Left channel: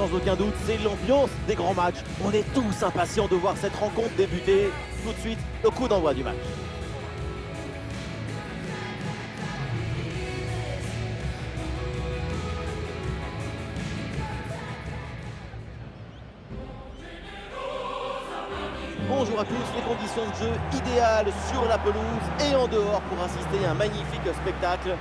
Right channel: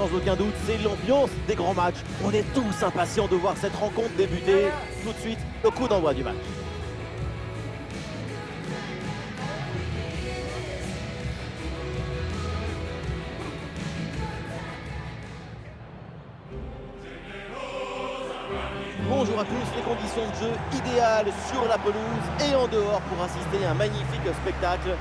sans aucun doute, c'est l'ambiance des grands matchs. On est tous impatients de voir cette rencontre débuter. Tout de suite, le coup d'envoi du match. Bonjour à tous, les conditions de jeu idéales sur la pelouse et en dehors pour assister à un magnifique spectacle.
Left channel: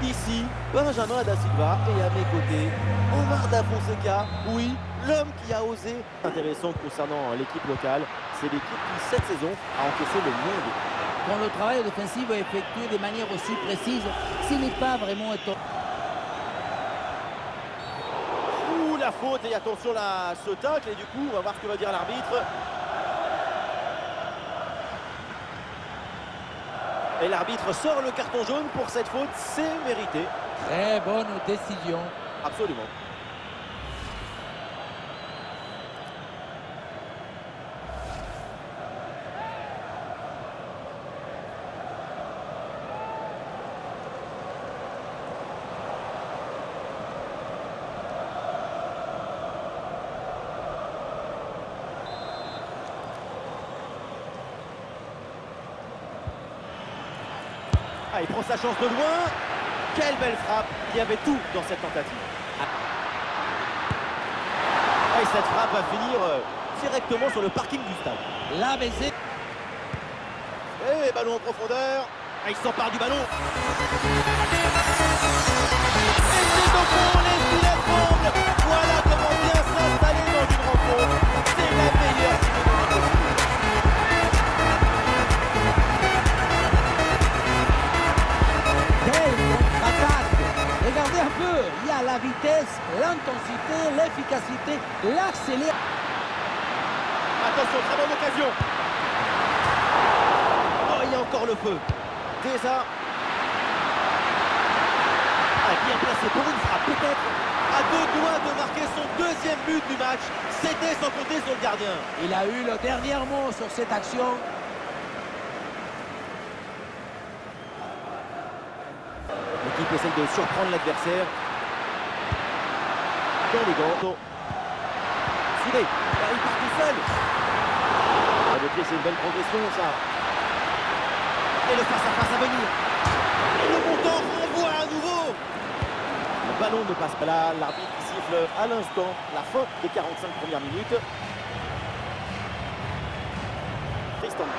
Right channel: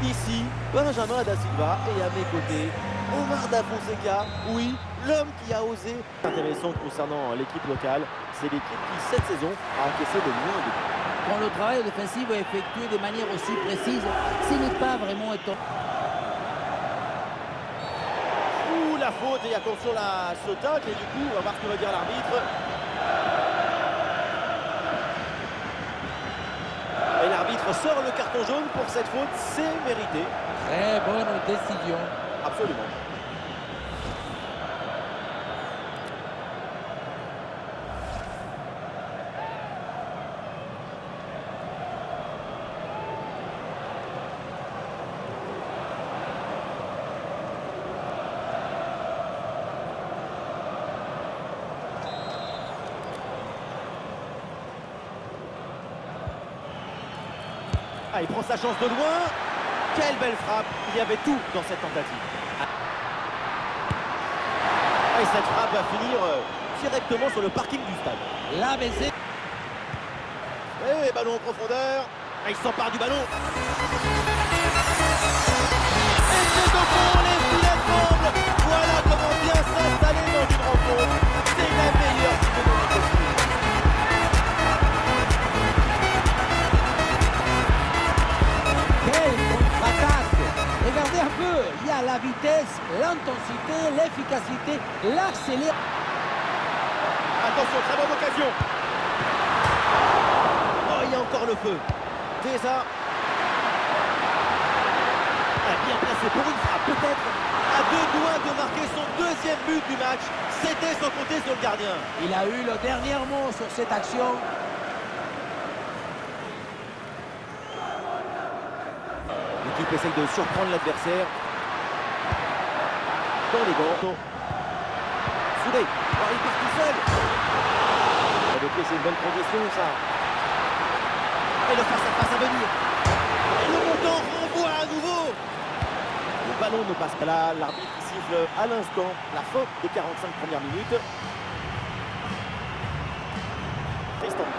Ici, Benjamin Da Silva et à mes côtés, Omar Da Fonseca, oui, l'homme qui a osé. Intéressant concernant l'équipe locale, c'est l'équipe qui cette saison a encaissé le moins de buts. Quand le travail défensif est effectué de manière aussi précise, ce n'est pas vraiment étonnant. Ouh, la faute et attention à ce tacle et du coup, on va voir ce que va dire l'arbitre. Et l'arbitre sort le carton jaune pour cette faute, c'est mérité. Très bonne décision. Absolument. Ah, il prend sa chance de loin. Quelle belle frappe. Il y avait tout dans cette tentative. Ah, et cette frappe va finir directement sur le parking du stade. La baisée. Et ballon en profondeur. Ah, il s'empare du ballon. Et c'est au fond, les filets tremblent. Voilà comment bien s'installer dans une rencontre. C'est la meilleure qui peut donner possible. Regardez un peu, il y a la vitesse, l'intensité, l'efficacité, l'accélération. Attention, très bonne occasion. Oh, il y a encore le feu. Déjà. Ah, bien placé pour une frappe, peut-être à deux doigts de marquer son deuxième but du match. C'était sans compter sur le gardien. Il a eu le dernier mot sur cette action. L'équipe essaye de surprendre l'adversaire. Dans les gants. Soudé. Oh, il part tout seul. Le pied, c'est une bonne progression, ça. Et le face-à-face à venir. Et le montant renvoie à nouveau. Le ballon ne passe pas là. L'arbitre siffle à l'instant la fin des 45 premières minutes. Cristante.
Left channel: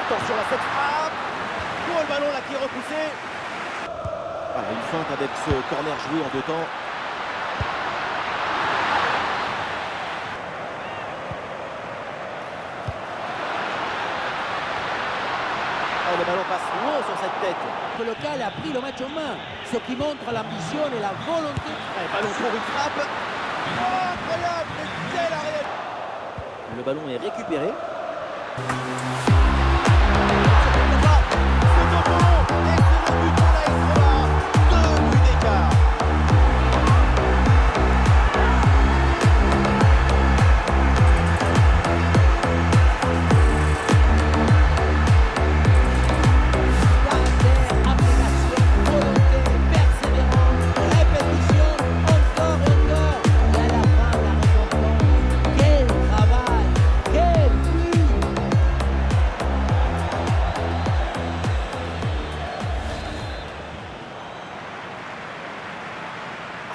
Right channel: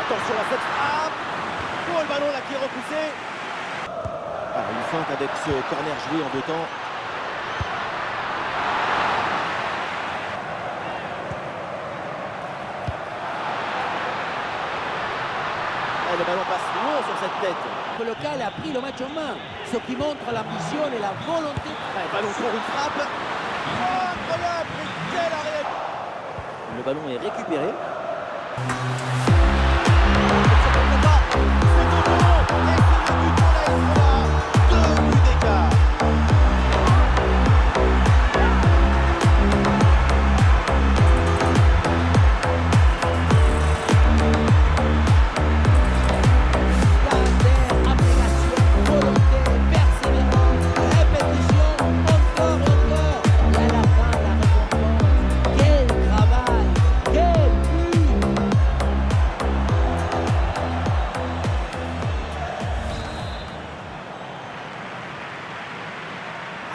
Attention à cette frappe. Oh, le ballon là qui est repoussé. Voilà, une feinte avec ce corner joué en deux temps. Et le ballon passe loin sur cette tête. Le local a pris le match en main, ce qui montre l'ambition et la volonté. Et ballon pour une frappe. Oh, incroyable, mais quel arrêt. Le ballon est récupéré. C'est au fond et c'est le but pour la Estrola. 2 buts d'écart. Abnégation, volonté, persévérance, répétition, encore et encore. Et à la fin, la récompense. Quel travail, quel but!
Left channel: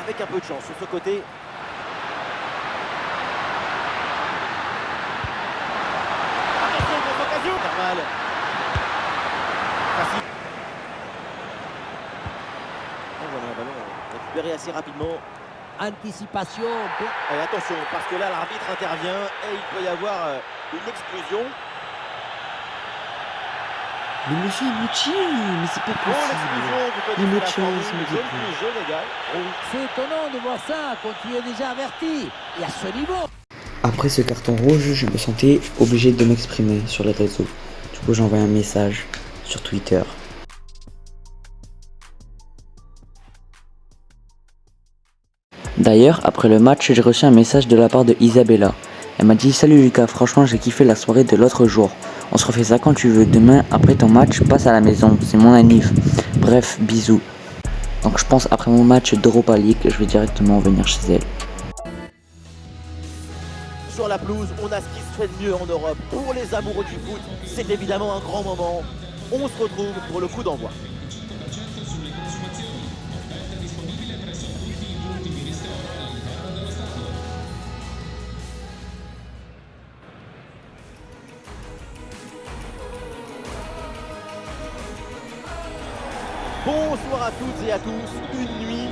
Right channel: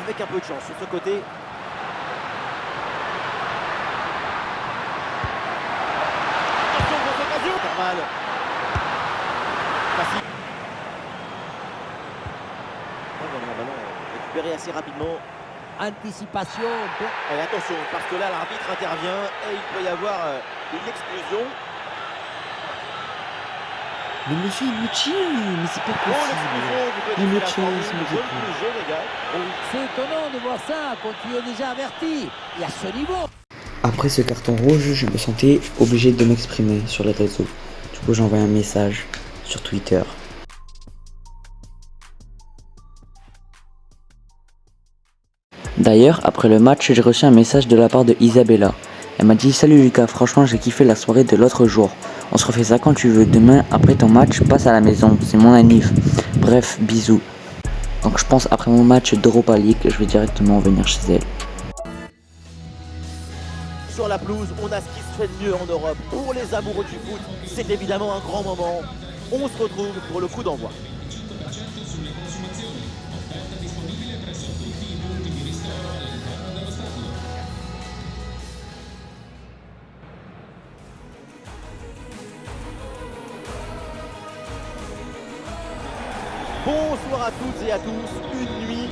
Avec un peu de chance sur ce côté. Attention, grosse occasion. Carval. Facile. Et voilà, un ballon récupéré assez rapidement. Anticipation. Et attention, parce que là, l'arbitre intervient et il peut y avoir une exclusion. Mais monsieur, il me tire, mais c'est pas Oh, possible. l'exclusion, vous Il connaissez me la tient, formule, il me jaune déprime. plus jaune égal. C'est étonnant de voir ça quand tu es déjà averti. Et à ce niveau. Après ce carton rouge, je me sentais obligé de m'exprimer sur les réseaux. Du coup, j'ai envoyé un message sur Twitter. D'ailleurs, après le match, j'ai reçu un message de la part de Isabella. Elle m'a dit « Salut Lucas, franchement j'ai kiffé la soirée de l'autre jour. On se refait ça quand tu veux. Demain, après ton match, passe à la maison. C'est mon anniv. Bref, bisous. » Donc je pense après mon match d'Europa League, je vais directement venir chez elle. Sur la pelouse, on a ce qui se fait de mieux en Europe. Pour les amoureux du foot, c'est évidemment un grand moment. On se retrouve pour le coup d'envoi. Bonsoir à toutes et à tous, une nuit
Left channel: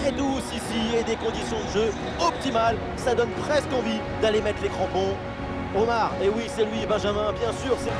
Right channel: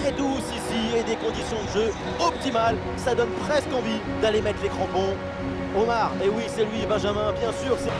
très douce ici et des conditions de jeu optimales, ça donne presque envie d'aller mettre les crampons. Omar, et oui c'est lui, Benjamin, bien sûr, c'est...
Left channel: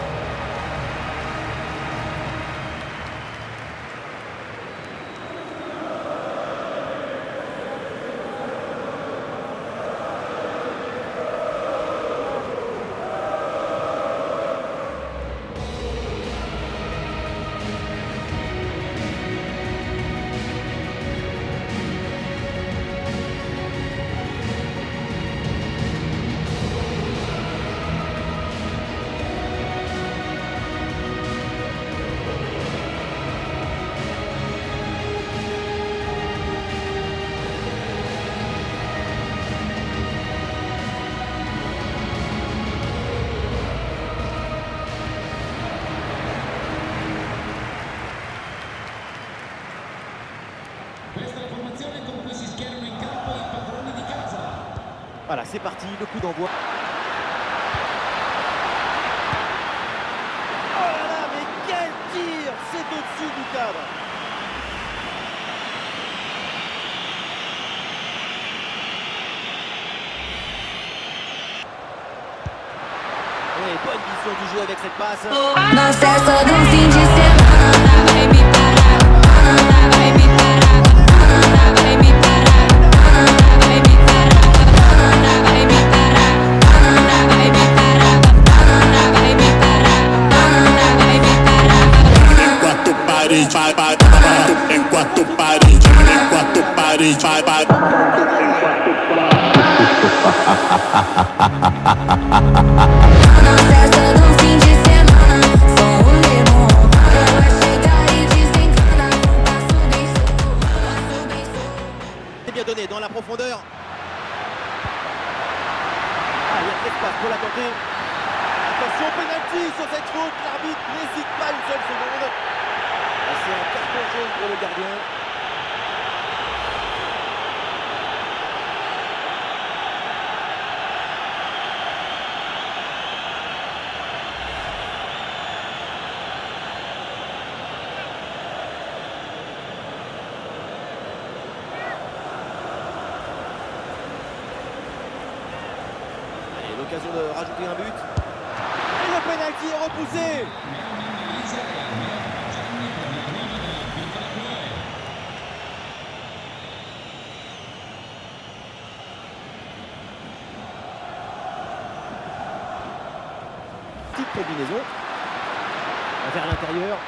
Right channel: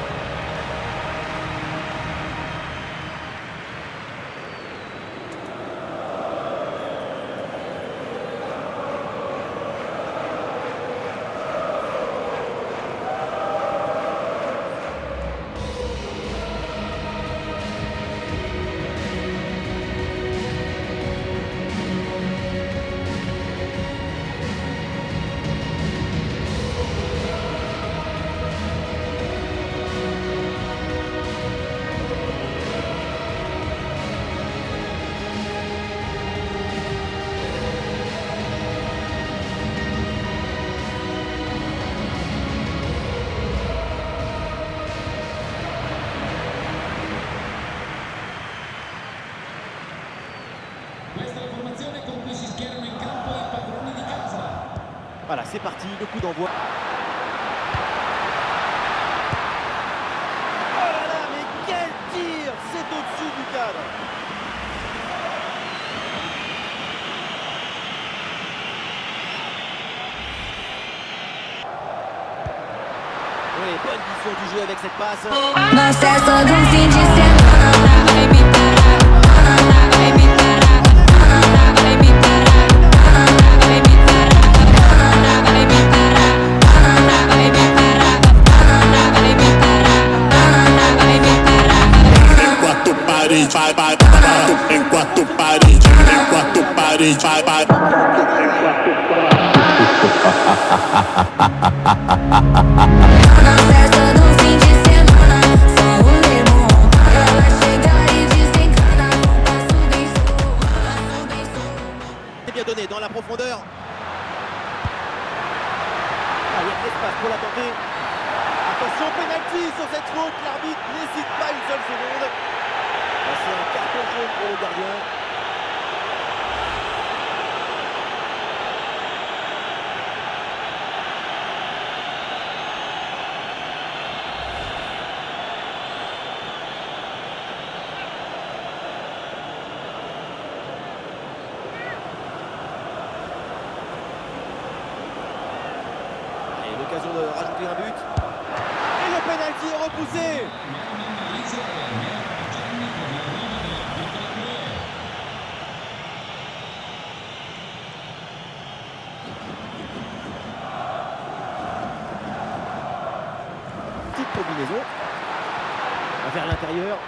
Voilà, c'est parti, le coup d'envoi. Oh là là, mais quel tir! C'est au-dessus du cadre. Oui, bonne vision du jeu avec cette passe. Nossa, do fim de semana vai me parar, vai me parar, vai me parar, vai me parar, vai me parar, vai me parar, vai me parar, vai me parar. Enquanto parede, vai, vai, enquanto parede, enquanto parede, vai, vai, enquanto parede. Na festa do fim de semana, só o limão. Ela chega e desencana, um passo bem suave. C'est bien donné dans la profondeur. Ah, il y a de l'espace pour la tenter. Attention, penalty sur cette faute. L'arbitre n'hésite pas une seule seconde. Et c'est un carton jaune pour le gardien. Allez, l'occasion de rajouter un but. Et le penalty est repoussé. Petite combinaison. Vers l'intérieur.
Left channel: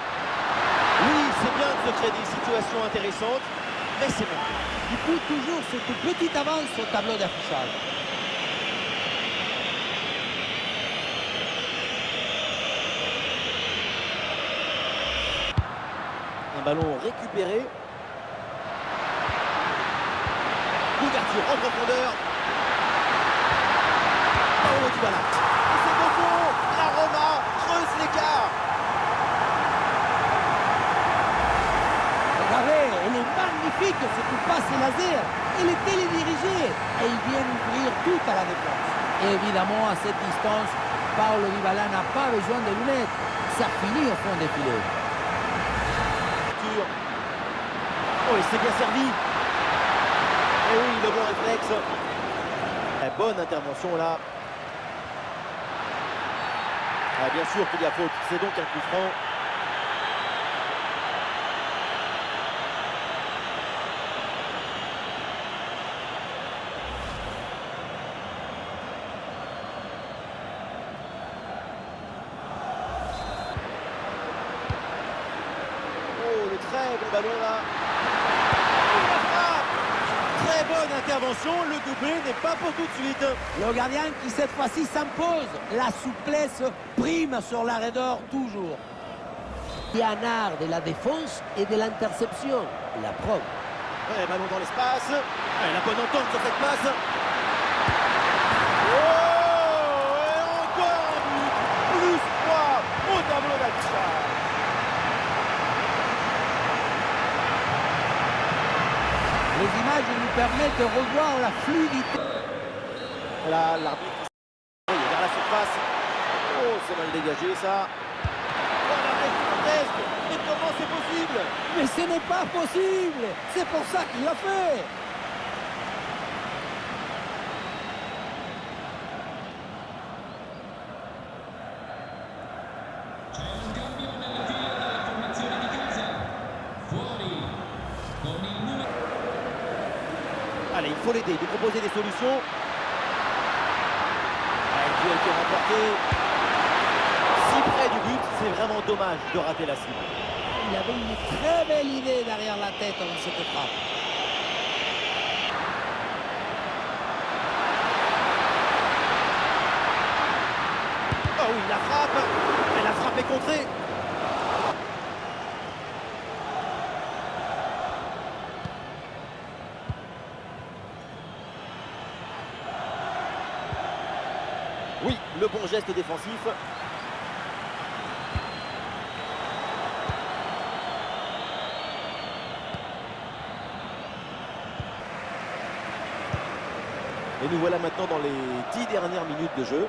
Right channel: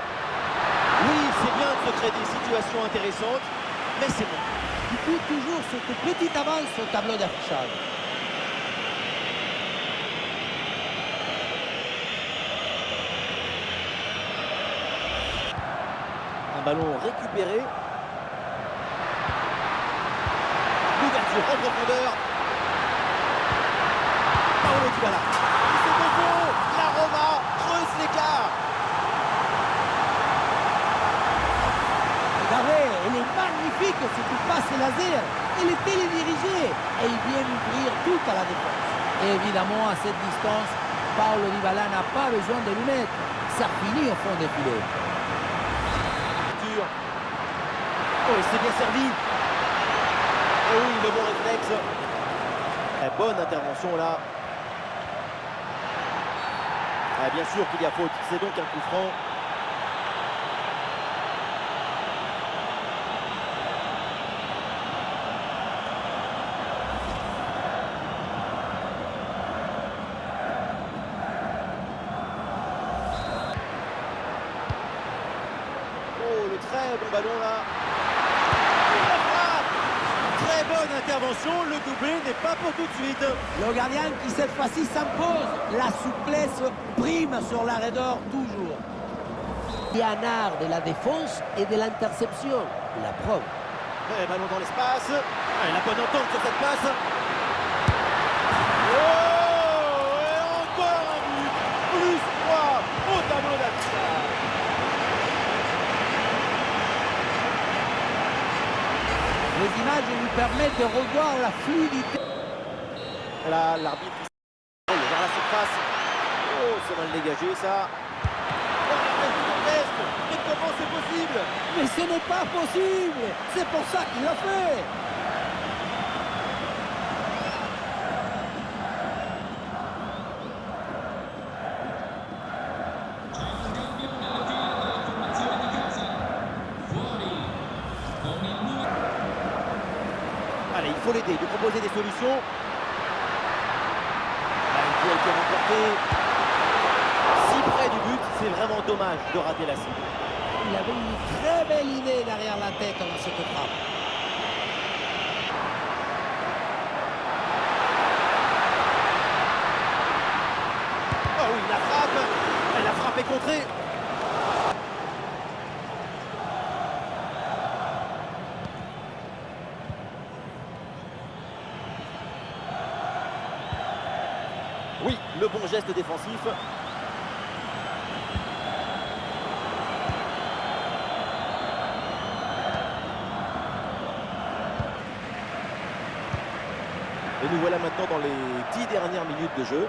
Oui, c'est bien de se créer des situations intéressantes, mais c'est bon. Du coup, toujours cette petite avance au tableau d'affichage. Un ballon récupéré. L'ouverture en profondeur. Paulo Dybala. Et c'est au fond. La Roma creuse l'écart. Regardez, elle est magnifique cette passe laser. Elle est télédirigée et il vient ouvrir tout à la défense. Et évidemment, à cette distance, Paulo Dybala n'a pas besoin de lunettes. Ça finit au fond des filets. Oh, et c'est bien servi. Et oui, le bon réflexe. Bonne intervention là. Ah, bien sûr qu'il y a faute. C'est donc un coup franc. Oh, le très bon ballon là. Et la frappe. Très bonne intervention. Le doublé n'est pas pour tout de suite. Le gardien qui cette fois-ci s'impose. La souplesse prime sur la raideur toujours. Il y a un art de la défense et de l'interception. La preuve. Ouais, ballon dans l'espace. Ouais, la bonne entente sur cette passe. Oh, et encore un but. Plus 3 au tableau d'affichage. Les images lui permettent de revoir la fluidité. Là, l'arbitre il est vers la surface. Oh, c'est mal dégagé ça. Oh, l'arrêt gigantesque. Mais comment c'est possible? Mais ce n'est pas possible. C'est pour ça qu'il l'a fait. Allez, il faut l'aider, lui proposer des solutions. Ah, le duel qui est remporté. Si près du but, c'est vraiment dommage de rater la cible. Il avait une très belle idée derrière la tête dans cette frappe. Oh oui, la frappe. Et la frappe est contrée. Oui, le bon geste défensif. Et nous voilà maintenant dans les 10 dernières minutes de jeu.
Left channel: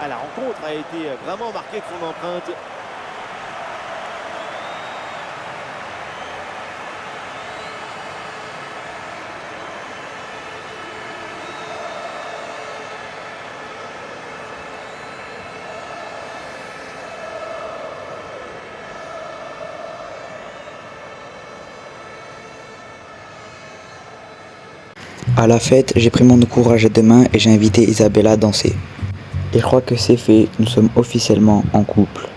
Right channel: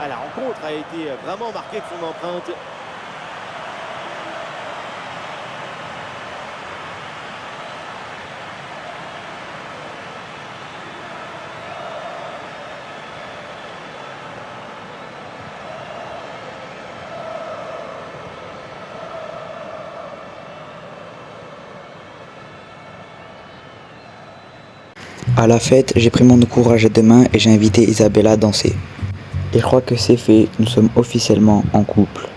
Ah, la rencontre a été vraiment marquée de son empreinte. À la fête, j'ai pris mon courage à deux mains et j'ai invité Isabella à danser. Et je crois que c'est fait, nous sommes officiellement en couple.